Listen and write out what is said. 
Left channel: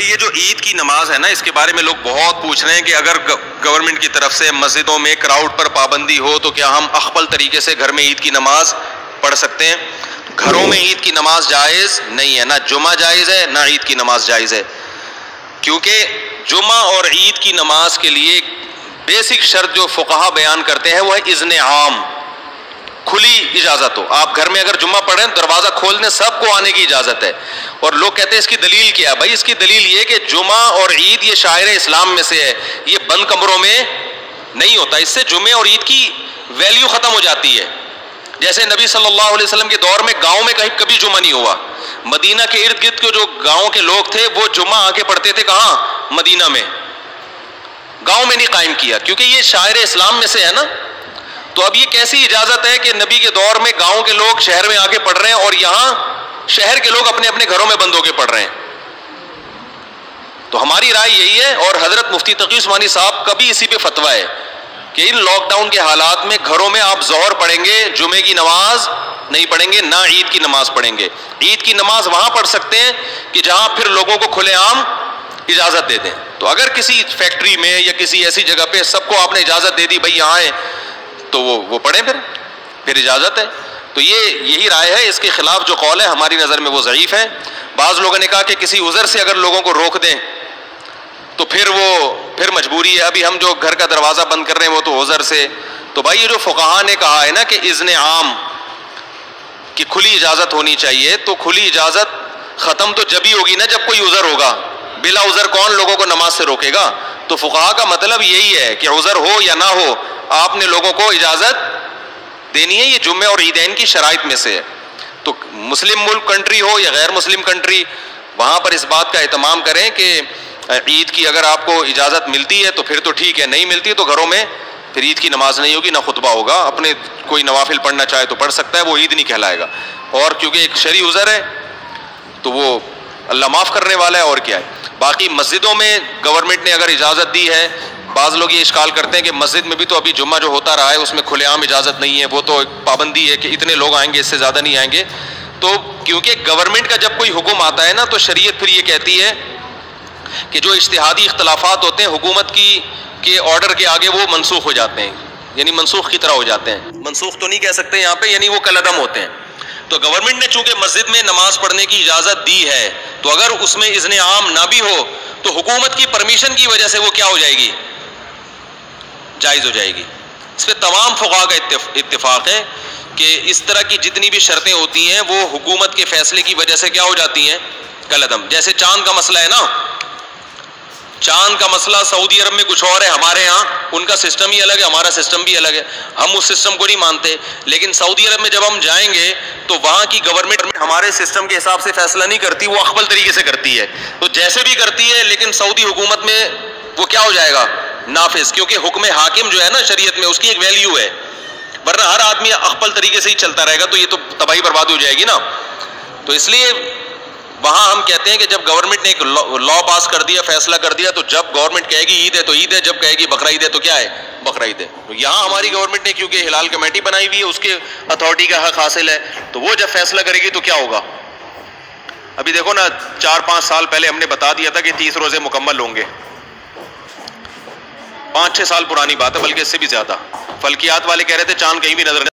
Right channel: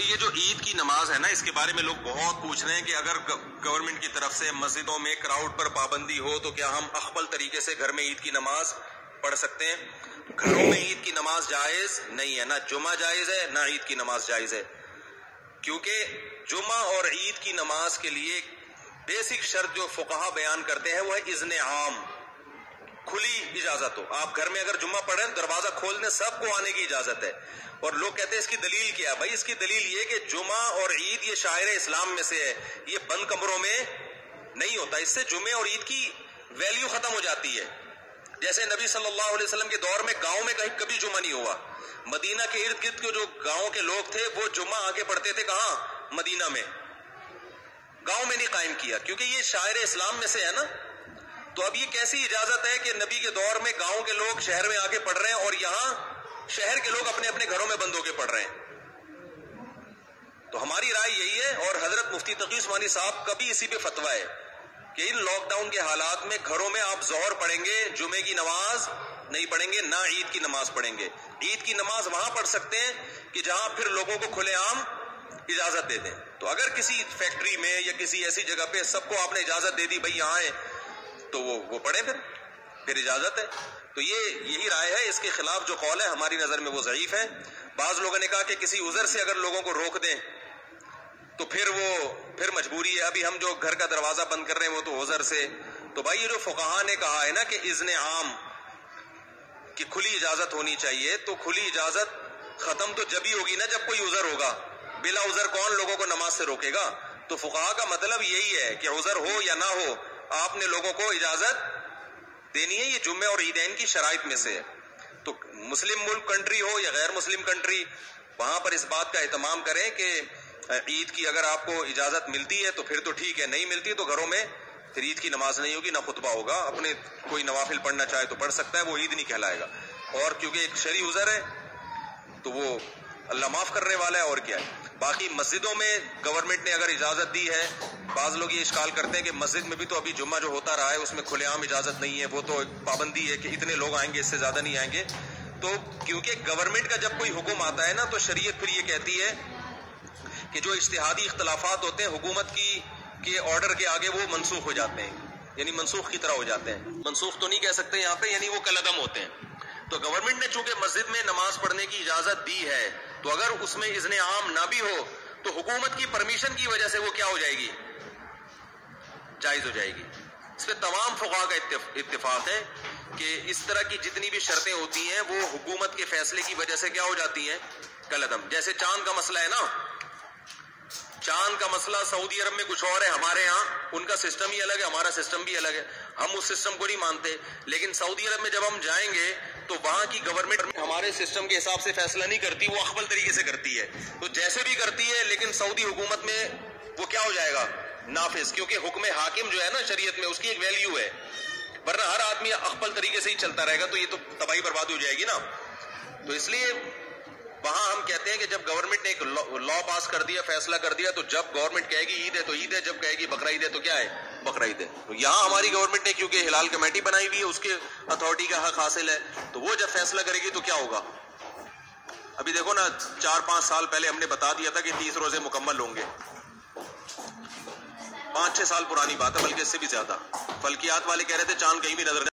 بھائی یہ جو عید کی نماز ہے نا، اس کے بارے میں لوگ بہت پوچھ رہے ہیں کہ اگر گورنمنٹ کی طرف سے مسجدوں میں کراؤڈ پر پابندی ہو تو کیا ہم اخبل طریقے سے گھر میں عید کی نماز پڑھ سکتے ہیں؟ گھروں میں عید کی نماز جائز نہیں ہے، نہ جمعہ جائز ہے نہ عید کی نماز جائز ہے، کیونکہ جمعہ اور عید کی نماز کے لیے بیسک شرط جو فقہا بیان کرتے ہیں وہ ہے اذن عام، کھلی اجازت ہو۔ آپ گھر میں اگر جمعہ پڑھیں دروازہ کھول دیں، سب کو آنے کی اجازت ہے۔ اور لوگ کہتے ہیں اس کی دلیل کیا ہے؟ بھائی اس کی دلیل یہ کہ جمعہ اور عید یہ شاعر اسلام میں سے ہے، یہ بند کمروں میں نہیں ہوتا، اس سے جمعے اور عید کی ویلیو ختم ہو جاتی ہے۔ جیسے نبی صلی اللہ علیہ وسلم کے دور میں گاؤں میں کبھی جمعہ نہیں ہوا، مدینہ کے ارد گرد کے جو گاؤں کے لوگ تھے وہ جمعہ آ کے پڑھتے تھے کہاں؟ مدینہ میں، گاؤں میں نہیں قائم کیا، کیونکہ یہ شاعر اسلام میں سے ہے نا۔ تو اب یہ کیسی اجازت ہے کہ نبی کے دور میں گاؤں کے لوگ شہر میں آ کے پڑھ رہے ہیں اور یہاں شہر کے لوگ اپنے اپنے گھروں میں بند ہو کے پڑھ رہے ہیں؟ تو ہماری رائے یہی ہے، اور حضرت مفتی تقی عثمانی صاحب کا بھی اسی پہ فتویٰ ہے کہ ان لاک ڈاؤن کے حالات میں گھروں میں آپ ظہر پڑھیں گے، جمعے کی نماز نہیں پڑھیں گے، نہ عید کی نماز پڑھیں گے۔ عید کی نماز وہاں پڑھ سکتے ہیں کہ جہاں پھر لوگوں کو کھلے عام اجازت دے دیں۔ تو اگر کسی فیکٹری میں یا کسی ایسی جگہ پہ سب کو آپ نے اجازت دے دی بھائی یہاں آئیں، تو وہ پڑھیں، پھر اجازت ہے۔ تو یہی رائے ہے، اس کے خلاف جو قول ہے ہماری نظر میں وہ ضعیف ہے۔ بعض لوگوں نے کہا کہ کسی عذر سے اگر لوگوں کو روک دیں تو پھر مجبوری ہے، ابھی ہم جو گھر کا دروازہ بند کر رہے ہیں وہ تو عذر سے۔ تو بھائی یہ جو فقہا نے کہا ہے نا کہ اذن عام کی کھلی اجازت ہونی چاہیے، تو کھلی اجازت ختم تو جب ہی ہوگی نا جب کوئی عذر ہوگا، بلا عذر کون لوگوں کو نماز سے روکے گا؟ تو فقہا کا مطلب یہی ہے کہ عذر ہو یا نہ ہو آپ نے لوگوں کو اجازت دینی ہے، یہ جمعے اور عیدین کی شرائط میں سے ہے۔ تو مسلم ملک کنٹری ہو یا غیر مسلم کنٹری، وہاں پر اس بات کا اہتمام کریں کہ عید کی اگر آپ کو اجازت ملتی ہے تو پھر تو ٹھیک ہے، نہیں ملتی تو گھروں میں پھر عید کی نماز نہیں ہوگی، نہ خطبہ ہوگا، اپنے کوئی نوافل پڑھنا چاہے تو پڑھ سکتا ہے، وہ عید نہیں کہلائے گا۔ اور کیونکہ ایک شرعی عذر ہے تو وہ اللہ معاف کرنے والا ہے، اور کیا ہے۔ باقی مسجدوں میں گورنمنٹ نے اگر اجازت دی ہے، بعض لوگ یہ اشکال کرتے ہیں کہ مسجد میں بھی تو ابھی جمعہ جو ہوتا رہا ہے اس میں کھلے عام اجازت نہیں ہے، وہ تو ایک پابندی ہے کہ اتنے لوگ آئیں گے، اس سے زیادہ نہیں آئیں گے۔ تو کیونکہ گورنمنٹ کا جب کوئی حکم آتا ہے نا تو شریعت پھر یہ کہتی ہے کہ جو اجتہادی اختلافات ہوتے ہیں حکومت کے آرڈر کے آگے وہ منسوخ ہو جاتے ہیں، یعنی منسوخ کی طرح ہو جاتے ہیں۔ منسوخ تو نہیں کہہ سکتے یہاں پہ، یعنی وہ کالعدم ہوتے ہیں۔ تو گورنمنٹ نے چونکہ مسجد میں نماز پڑھنے کی اجازت دی ہے، تو اگر اس میں اذن عام نہ بھی ہو تو حکومت کی پرمیشن کی وجہ سے وہ کیا ہو جائے گی؟ جائز ہو جائے گی۔ اس پہ تمام فقہا کا اتفاق ہے کہ اس طرح کی جتنی بھی شرطیں ہوتی ہیں وہ حکومت کے فیصلے کی وجہ سے کیا ہو جاتی ہیں؟ کالعدم۔ جیسے چاند کا مسئلہ ہے نا، چاند کا مسئلہ سعودی عرب میں کچھ اور ہے، ہمارے ہاں ان کا سسٹم ہی الگ ہے، ہمارا سسٹم بھی الگ ہے، ہم اس سسٹم کو نہیں مانتے۔ لیکن سعودی عرب میں جب ہم جائیں گے تو وہاں کی گورنمنٹ ہمارے سسٹم کے حساب سے فیصلہ نہیں کرتی، وہ اخبل طریقے سے کرتی ہے۔ تو جیسے بھی کرتی ہے لیکن سعودی حکومت میں وہ کیا ہو جائے گا؟ نافذ، کیونکہ حکم حاکم جو ہے نا شریعت میں اس کی ایک ویلیو ہے، ورنہ ہر آدمی اخبل طریقے سے ہی چلتا رہے گا تو یہ تو تباہی برباد ہو جائے گی نا۔ تو اس لیے وہاں ہم کہتے ہیں کہ جب گورنمنٹ نے ایک لا پاس کر دیا، فیصلہ کر دیا، تو جب گورنمنٹ کہے گی عید ہے تو عید ہے، جب کہے گی بقرعید ہے تو کیا ہے؟ بقرعید ہے۔ تو یہاں ہماری گورنمنٹ نے کیونکہ ہلال کمیٹی بنائی ہوئی ہے، اس کے اتھارٹی کا حق حاصل ہے، تو وہ جب فیصلہ کرے گی تو کیا ہوگا؟ ابھی دیکھو نا 4-5 سال پہلے ہم نے بتا دیا تھا کہ 30 روزے مکمل ہوں گے، 5-6 سال پرانی بات ہے، بلکہ اس سے بھی زیادہ۔ فلکیات والے کہہ رہے تھے چاند کہیں بھی نظر